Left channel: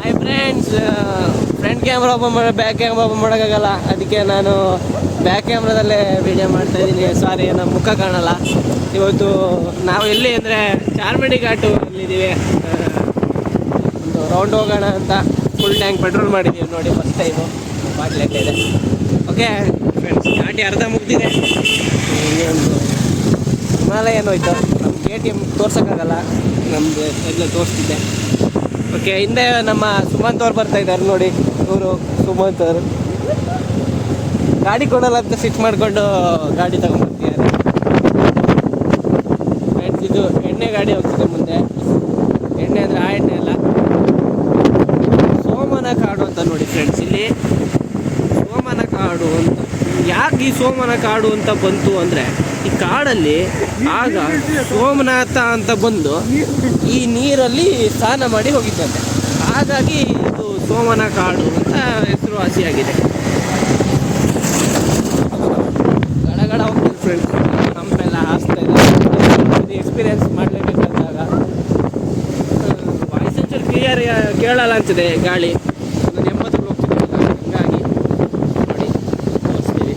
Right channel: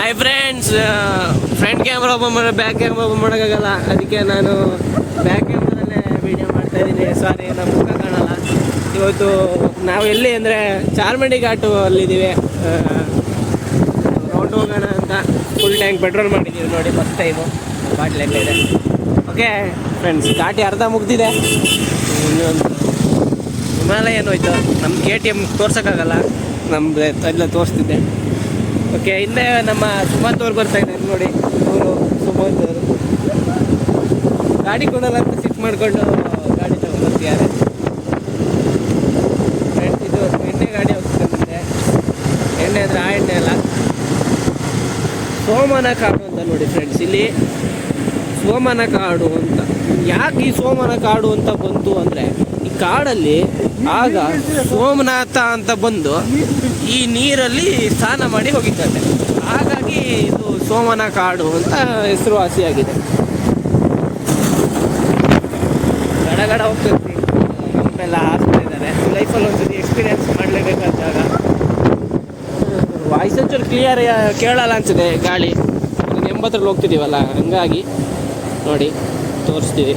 Hi friends, front camera open ಮಾಡೋ back camera open ಮಾಡೋಕ್ಕಾಗಲ್ಲ. ಅದಕ್ಕೆ ನಾನು ಬ್ಯಾಕ್ ಕ್ಯಾಮ್ರಾದಲ್ಲೇ ವೀಡಿಯೋ ಮಾಡ್ತಾಯಿದ್ದೀನಿ. ಸಾರಿ, ನಮ್ಮ ಮುಖ ಕಾಣಲ್ಲ. ಇವತ್ತು ನಾವು ಎಲ್ಲಿ ಅಂದರೆ ಚಾರ್ಮಡಿ ಘಾಟು ಅಲ್ಲಿದ್ದೀವಿ. ರೌಂಡ್ ಹೋಗೋಣ ಅಂತ ಫುಲ್ ಟ್ಯಾಂಕ್ ಪೆಟ್ರೋಲ್ ಮಾಡಿದ್ದೀವಿ ನೋಡಿ. ಫಸ್ಟ್ ಟೈಮು ಬಾಟ್ಲೆಲ್ಲ ಇದೆ. ಓಕೆ ಫ್ರೆಂಡ್ಸ್, ಘಾಟಿ ಅರ್ಧ ಮುಗ್ದಿದೆ. ಇನ್ನೊಂದು ಹಿಮಾಲಯ ಏನೋಯ್ತು. ನಮ್ಮ KTM ತೋರ್ಸೋಕ್ಕಾಗಲ್ಲ, ನಮ್ಮದು ಎಲ್ಲ ತೋರಿಸ್ತಿದ್ದೆ. ಓಕೆ, ಹಿಂದೆ ನಮ್ಮ ಸುಮಂತ್ ಅವ್ರು ಬರ್ತಾ ಇದ್ದಾರೆ ನೋಡಿ. ಇವರು ಸುಮಂತ್ ಅವರು ಗಾಡಿ ಕೊಡಲ್ಲ ಅಂತ ಸಿಟ್ ಮಾಡಿಕೊಂಡು ಗಾಡಿ ತಗೊಂಡ್ಬರ್ತಿದ್ದಾರೆ. ಫ್ರೆಂಡ್ಸ್, ಇದು ಎಣ್ಣೆ ಗಾಡಿ ಹೋಗ್ತಿದೆ ಮುಂದೆ. ಎಣ್ಣೆ ಅಂದರೆ ಆ ಎಣ್ಣೆ ಅಲ್ಲ, ಸೋಮನ ಕಾಡು ಅಂತ ನೋಡಿ ಫ್ರೆಂಡ್ಸ್. ಇಲ್ಲಿ ಸೋಮನ ಕಾಡು ಅಂತ ಯಾಕೆ ಈ ಸೋಮನ ಕಾಡು ಅಂತ ಬಂತು ಅಂದರೆ, ಈ ಕಾಡಲ್ಲಿ ಆಗ ಸೋಮನಾಥ ಅಂತ ಬಂದು ಈ ನೀರಲ್ಲಿ ಸ್ನಾನ ಮಾಡಿ ಹೋಗಿದ್ದಾರೆ. ಹಾಗಾಗಿ ಇದು ಸೋಮನ ಕಾಡು ಅಂತ ಹೆಸರುವಾಸಿಯಾಗಿದೆ. ಗಡಗಡ ಹೋಗ್ತೇವೆ ಫ್ರೆಂಡ್ಸ್, ನಮ್ಮೆಲ್ಲ ಆಸ್ತಾ ಇದೆ. ಲೈಫಲ್ಲಿ ಹೋಗ್ತೀವಿ, ಎಕ್ಸ್ಪೀರಿಯನ್ಸ್ ಮಾಡಲೇಬೇಕಾದಾಗ. ವಾಯ್ಸ್ ಒಂಚೂರು ಕ್ಲಿಯರ್ ಕೇಳಲ್ಲ ಅನಿಸಿದೆ ಗಾಳಿ. 80ರಲ್ಲಿ ಹೋಗ್ತಿದ್ದೀವಲ್ಲ, ಹಂಗಾಗಿ ನೋಡಿ ತೋರಿಸ್ತೀವಿ.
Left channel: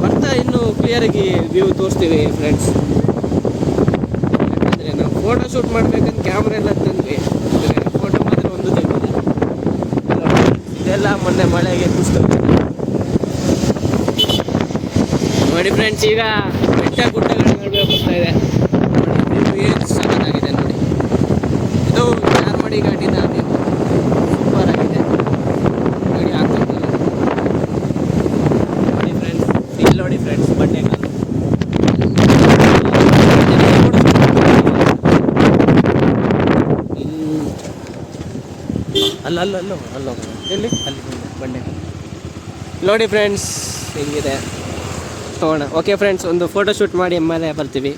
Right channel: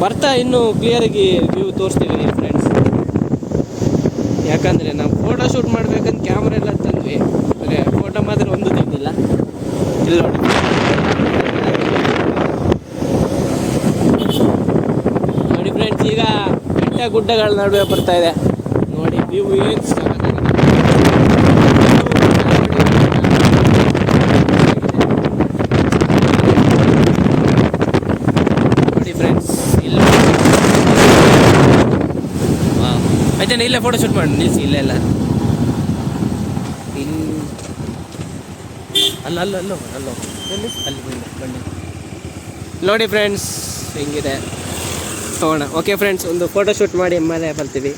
ಬರ್ತಾ ಇನ್ನೂ ಕ್ಲಿಯರಾಗಿ ವ್ಯೂ ತೋರಿಸ್ತೀವಿ ಫ್ರೆಂಡ್ಸ್. ಯಾಕಂದರೆ ನಾವು ಫೋಟೋ ಶೂಟ್ ಮಾಡ್ಬೇಕಂತ ಕ್ಯಾಮ್ರಾ ಎಲ್ಲ ತಂದ್ವಿ, ಅಂದರೆ ಫೋಟೋ ಮಾತ್ರ ಒಂದು ತಂದಿಲ್ಲ. ಇಲ್ಲ ಎಲ್ಲ ಮತ್ತೆ ಮಳೆಗೆ ನೋಡಿ ಫ್ರೆಂಡ್ಸ್. ಈಗ ಬೆಟ್ಟ ಗುಡ್ಡಗಳ ನಡುವೆ ಬರ್ತಾ ಇದೆ ನೋಡಿ. ವ್ಯೂ ಏನು ಚೆನ್ನಾಗಿದೆ ನೋಡಿ. ಫೋಟೋ ಶೂಟ್ ಮಾಡಿ ಇಲ್ಲ ಅಲ್ಲೋ ಎಲ್ಲಿ ಅಲ್ಲಿ ಬನ್ನಿ ನೋಡಿ ಫ್ರೆಂಡ್ಸ್, ಹಿಂಗಿದೆ ತಗೋಣ. ಓಕೆ ಫ್ರೆಂಡ್ಸ್, ಒಂದು ಫೋಟೋ ಶೂಟ್ ಮಾಡಿ ಮೇಲೆ ಬರ್ತೀವಿ.